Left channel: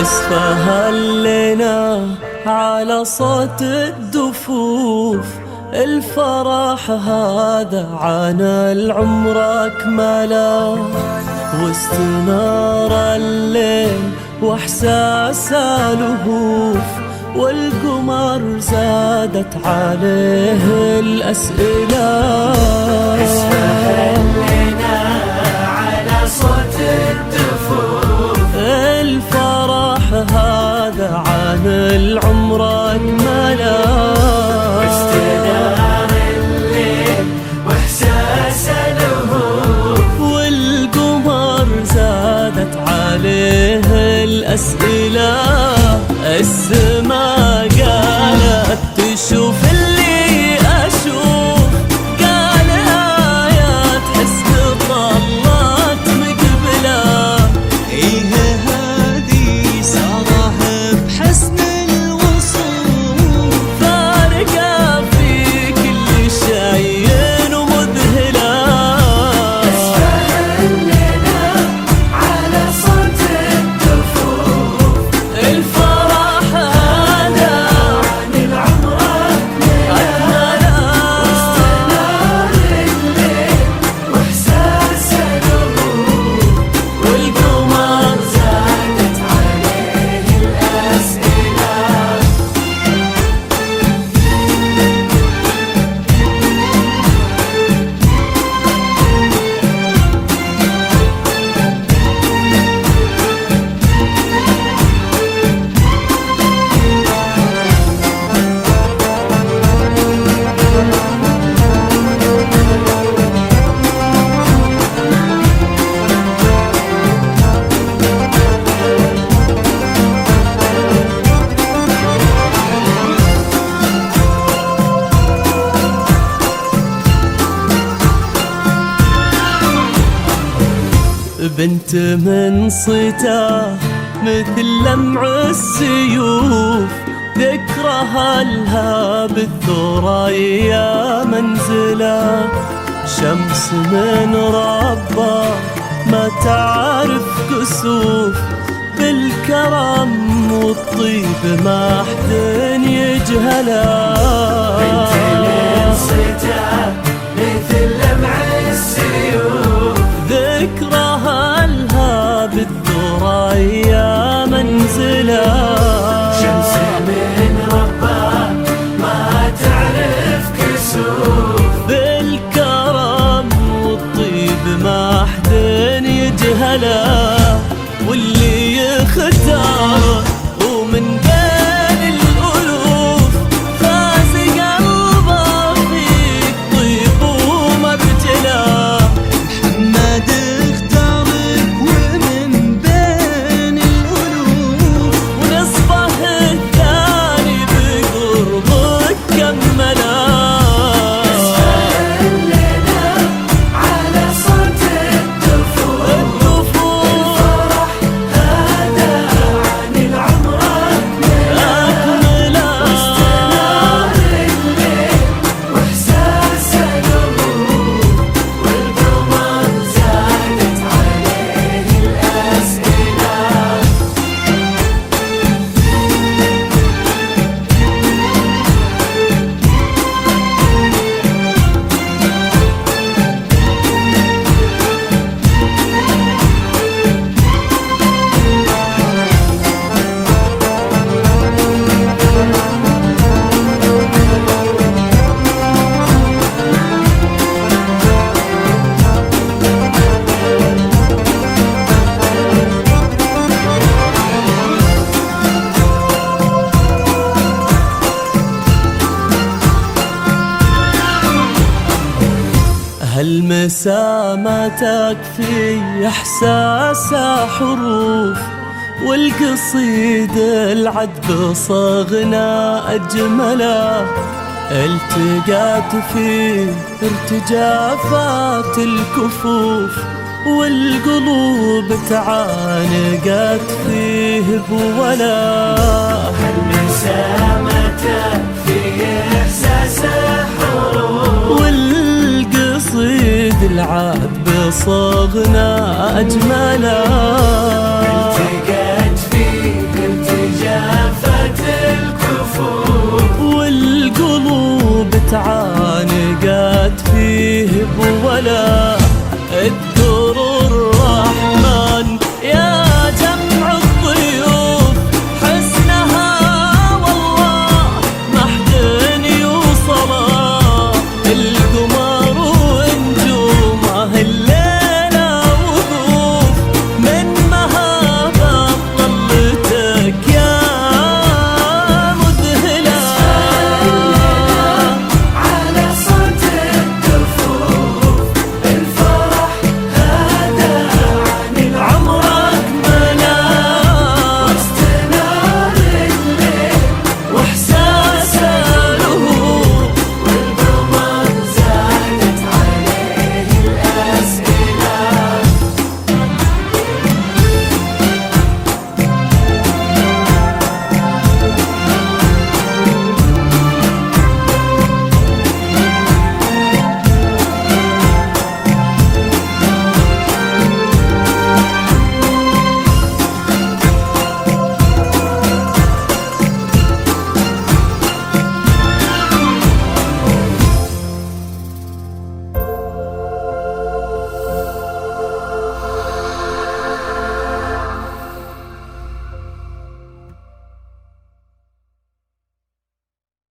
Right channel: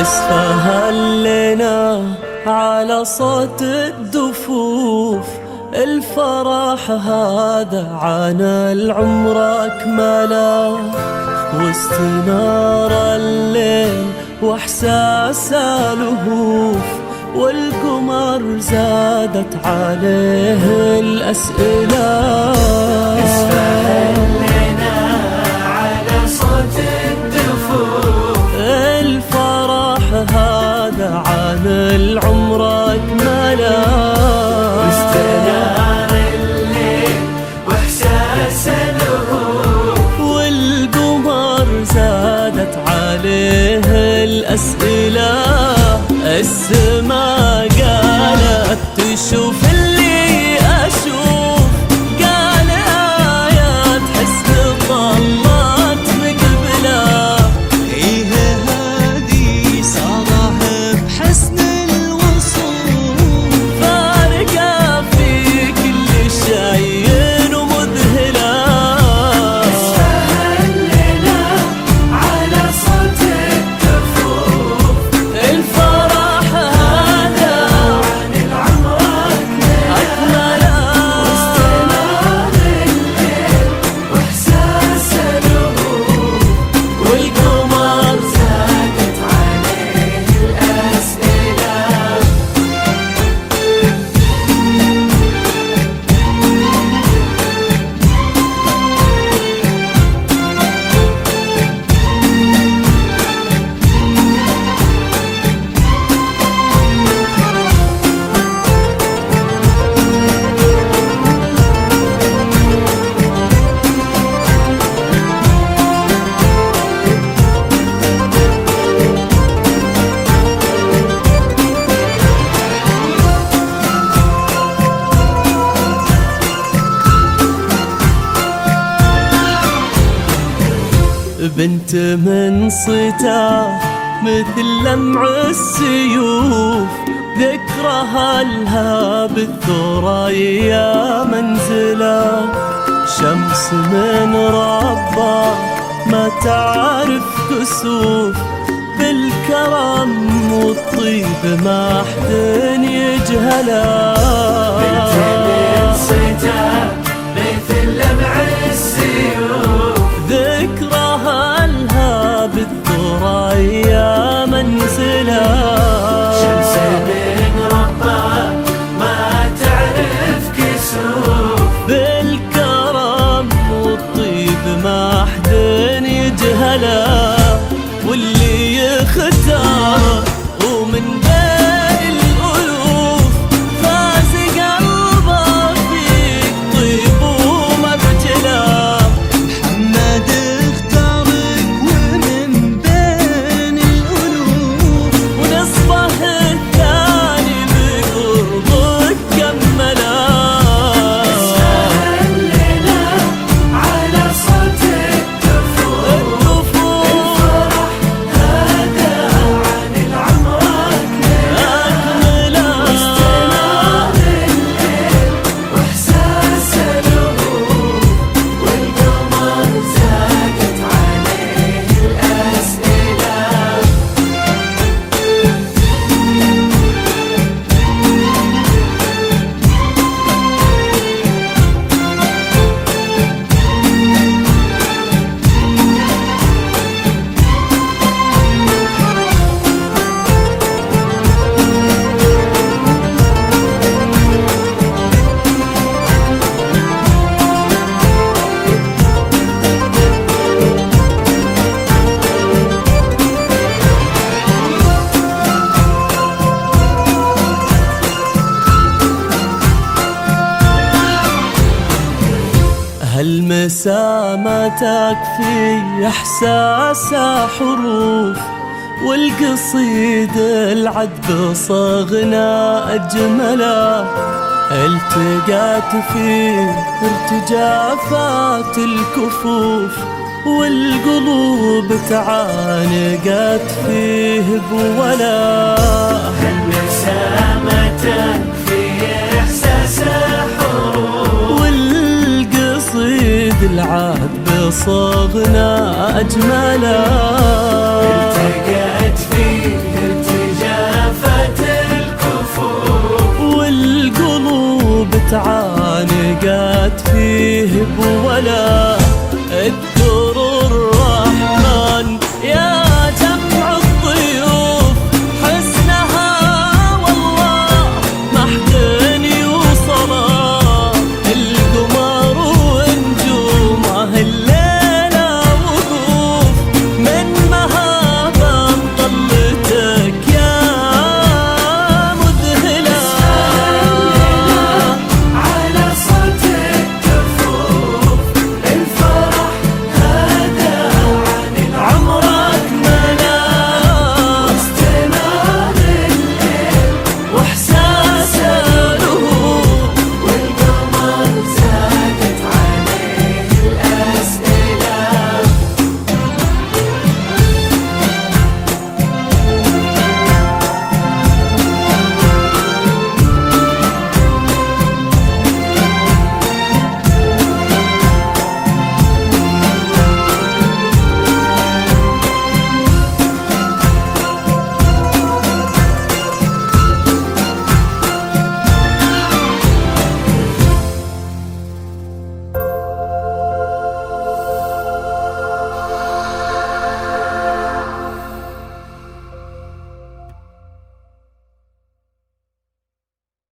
اسفه لنا على صوت الدفوف، الفرح هذا عن العمر أكمله، واستنار الليل واحساس لهوف، والقمر زادت عليه الأسئلة. الفرح هذا عن العمر أكمله، والقمر زادت عليه الأسئلة. السما قالت تشوف اللي أشوف، قال آيات حسن طلت مقبله، إيه هذه ساره بحسن الوصوف، فارقة في كل شيء ومذهلة. الفرح هذا عن العمر أكمله، والقمر زادت عليه الأسئلة. بنت من صيته مثل لمع السيوف، ذكرها لها بالثريا منزله، شمس من ربه ما تعرف كسوف، بالكرم والطيب ما حد يجهله. ذكرها لها بالثريا منزله، شمس من ربها ما تعرف كسوف، بالكرم والطيب ما حد يجهله، واللي يختار ومن بين الألوف، فاز قلبه فيك طيب ومرجله. محمد اختارك ومن بين الألوف، ونصفه الثاني بقربك كمله. على صوت الدفوف، هذا عن العمر أكمله، واحساس الهموم، والقمر زادت عليه الأسئلة. هالمسا ما تكفي إحساسها حروف، والقصيد العذب صغنا أجمله، التقات فيه ارتجافات الكفوف، والقلوب تعانقت فيه بولا. والقصيد العذب صغنا أجمله، التقت فيه تعانقت فيه بولا